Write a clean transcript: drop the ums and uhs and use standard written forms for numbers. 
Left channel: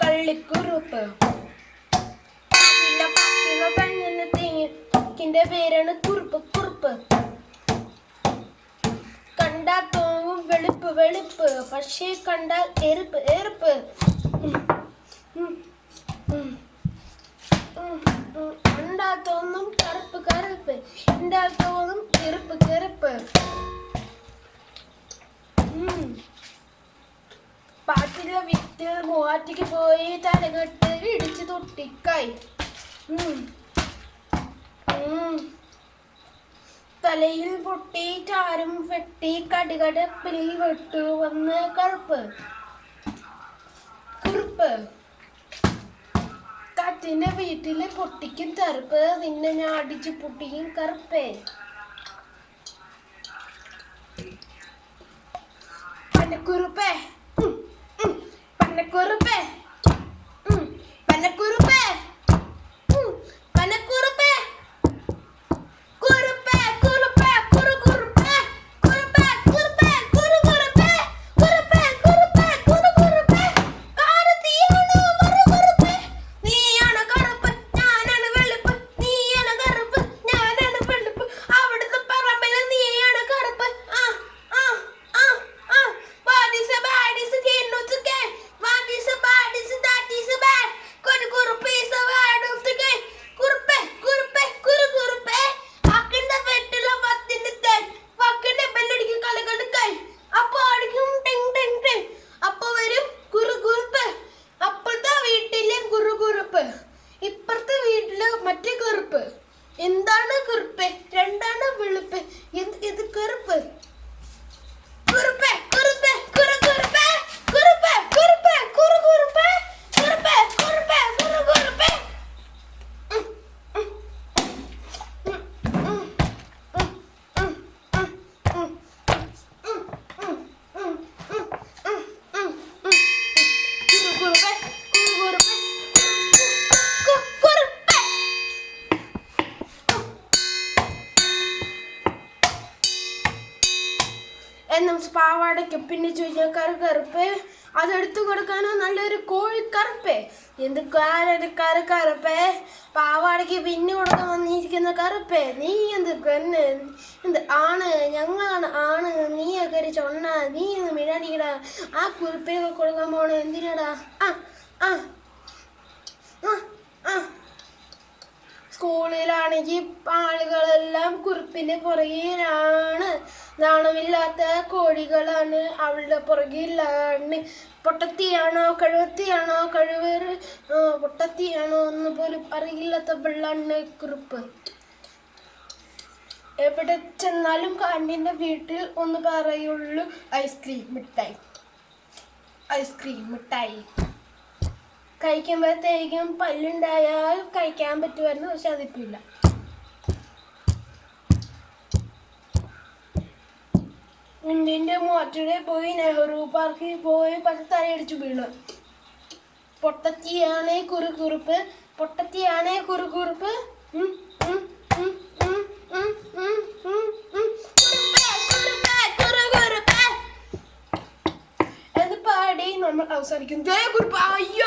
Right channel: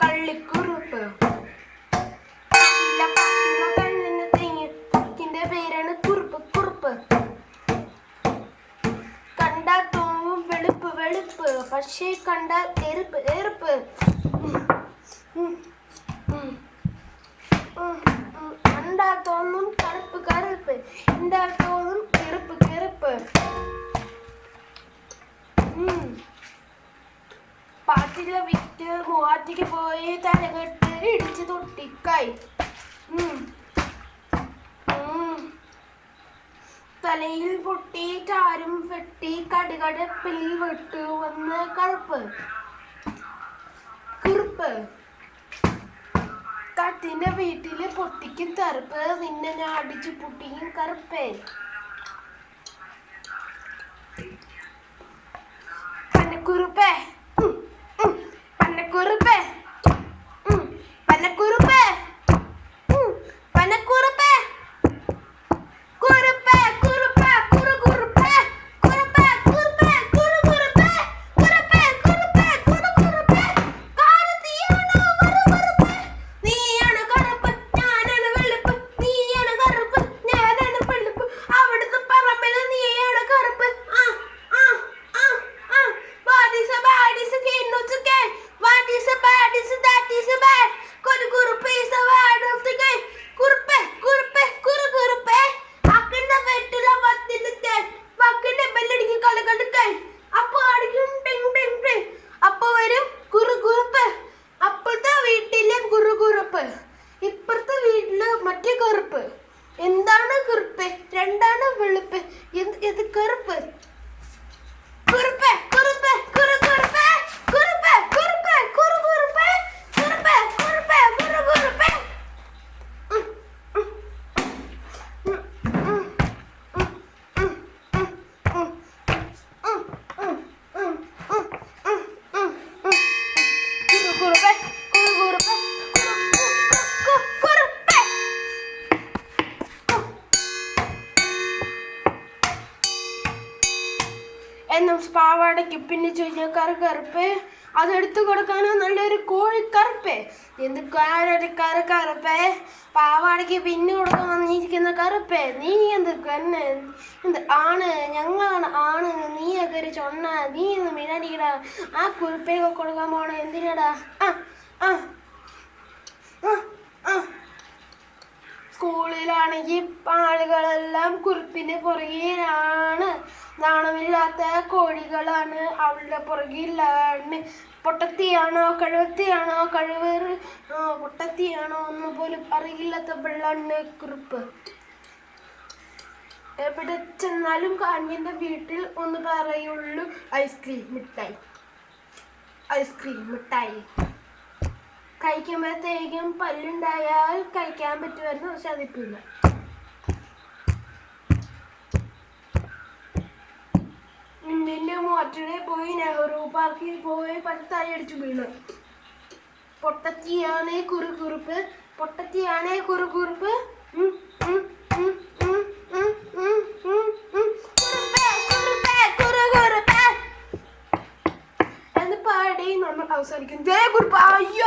കള്ളിക്കുറുപ്പ് ിന്റെ പേരാണ് കുറുപ്പ് കുറുപ്പ്. കണ്ടാൽ തോന്നും വെളുപ്പ് വെളുപ്പ്, പക്ഷേ കണ്ടാൽ എറുപ്പ് എറുപ്പ്. കണ്ടാൽ തോന്നും കറുപ്പ് കറുപ്പ്, കണ്ടാൽ തോന്നും കെറുപ്പ് കെറുപ്പ്. പാട്ടിലെ വിറ്റ് മൂവാറ്റിക്ക് പോയി തലകെട്ട് ഇടിച്ച് തൊട്ടിക്കായി. തലയിൽ പൊട്ടി ചാരും വെട്ടി കടുകടപ്പിൽ വെട്ടു വന്ന് കറുപ്പ് കുറുപ്പ്. കാറ്റിന്റെ വീട്ടില് പൊട്ടിക്കും കറുപ്പ്, നിന്നെ ഞാൻ അടിച്ചു പൊട്ടിക്കും കറുപ്പേ. പന്നക്കുറുപ്പേ പന്നക്കുറുപ്പേ പന്നക്കുറുപ്പേ പന്നക്കുറുപ്പേ കുറുപ്പേ കുറുപ്പേ കുറു കുറുപ്പേ കുറുപ്പേ കുറുപ്പേ കുറു കുറുപ്പേ കുറുപ്പേ കുറുപ്പേ കുറു കുറുപ്പേ. കാരത്തിയാണോ വറു കുറുപ്പേ, നീയാണ് കറുപ്പ് ഞാനാണ് വെളുപ്പ്, നീയാണ് കറുപ്പ് ഞാനാണ് വെളുപ്പ്, അവിടുത്തെ പറമ്പില് നീയാണ് കറുപ്പ്. What is a bad is a kid not to get. What is a bad is that is a bad. Kuru kuruppe is a bad of the game. Kuruppe kuruppe kuru kuruppe. Akanda vettila vattinte. Vakkande bellidikku kalakadukkai. Appo adikkum ding ding ding. Appo varum kuru kuruppe. Appurtha veettile kuru kuruppe. Ippartha veettile matte kuruppe. എന്താണ് കുറുപ്പ്? രണ്ടാണ് വെളുപ്പ്. ഇത് കറുപ്പ്. കുറുപ്പ് കുറുപ്പ് കുറു കുറുപ്പ് കുറുപ്പ് കുറുപ്പ് കുറു കുറുപ്പ് കുറുപ്പ് കുറുപ്പ് കുറു കുറുപ്പ്. എന്നും പാവാടയ്ക്ക് പിന്നെ ചോദിച്ചാൽ കറുപ്പ്, അതെടുത്തു കൊടുക്കാനോ നല്ലൊരു കോഴിക്കറുപ്പേ. എന്ത് കറുപ്പേ, പാവാടയ്ക്ക് പിന്നെ കൊടുക്കാൻ വന്നിരിക്കുന്ന കറുപ്പേ. നീ എന്ത് പെണ്ണ്, എന്ത് ആണ്, ഞങ്ങളാണ് ആണ്, നീയൊക്കെ ഒരു ചൊണ്ണ, നീ ഒന്ന് മിഴാടിക്കടാ. ആ കുറിപ്പിനൊക്കെ കൊടുക്കാൻ പോണ എന്തിനാടാ? സ്കൂളിലാണെങ്കിൽ ആളുകളെല്ലാം കുറിപ്പിന്റെ പുറകിലാണ്. നാണമില്ലാത്ത കോഴികളാണ് അവളുടെ പുറകിലാണ്. പൊട്ടത്തിയാണോ കഴിവത്തിയാണോ കഴിവേറ് പൊട്ടത്തിയാണോ ഒന്ന് പോലും അറിയില്ലാത്ത വെള്ളാണ് കുറിപ്പ്. എവിടെ ചെന്നാലും കാണ്ടിന്റെ വീട്ടിൽ ഒന്ന് പറയുള്ളൂ ഐസ്ക്രീം മിഠായി ഐസ്ക്രീം മിഠായി. കഴിക്കുമ്പോഴത്തേക്കും പല്ലുണ്ടായാൽ കഴിക്കാൻ പറ്റുമായിരുന്നു, പക്ഷെ അതിപ്പില്ല. ഇന്ത്യൻ്റെ മോറ്റടെ പോയി നെഹ്റു പാർക്കിൽ പോയി തലയടിച്ചു വീണു. പൊട്ടത്തിയാണേ കുറുകുറുപ്പ്, പൊട്ടത്തിയാണേ കുറുകുറുപ്പ്. എന്ന് പാടി നമ്മൾ അവസാനിക്കും. ജയ കുറുപ്പ്. അയ്യോ.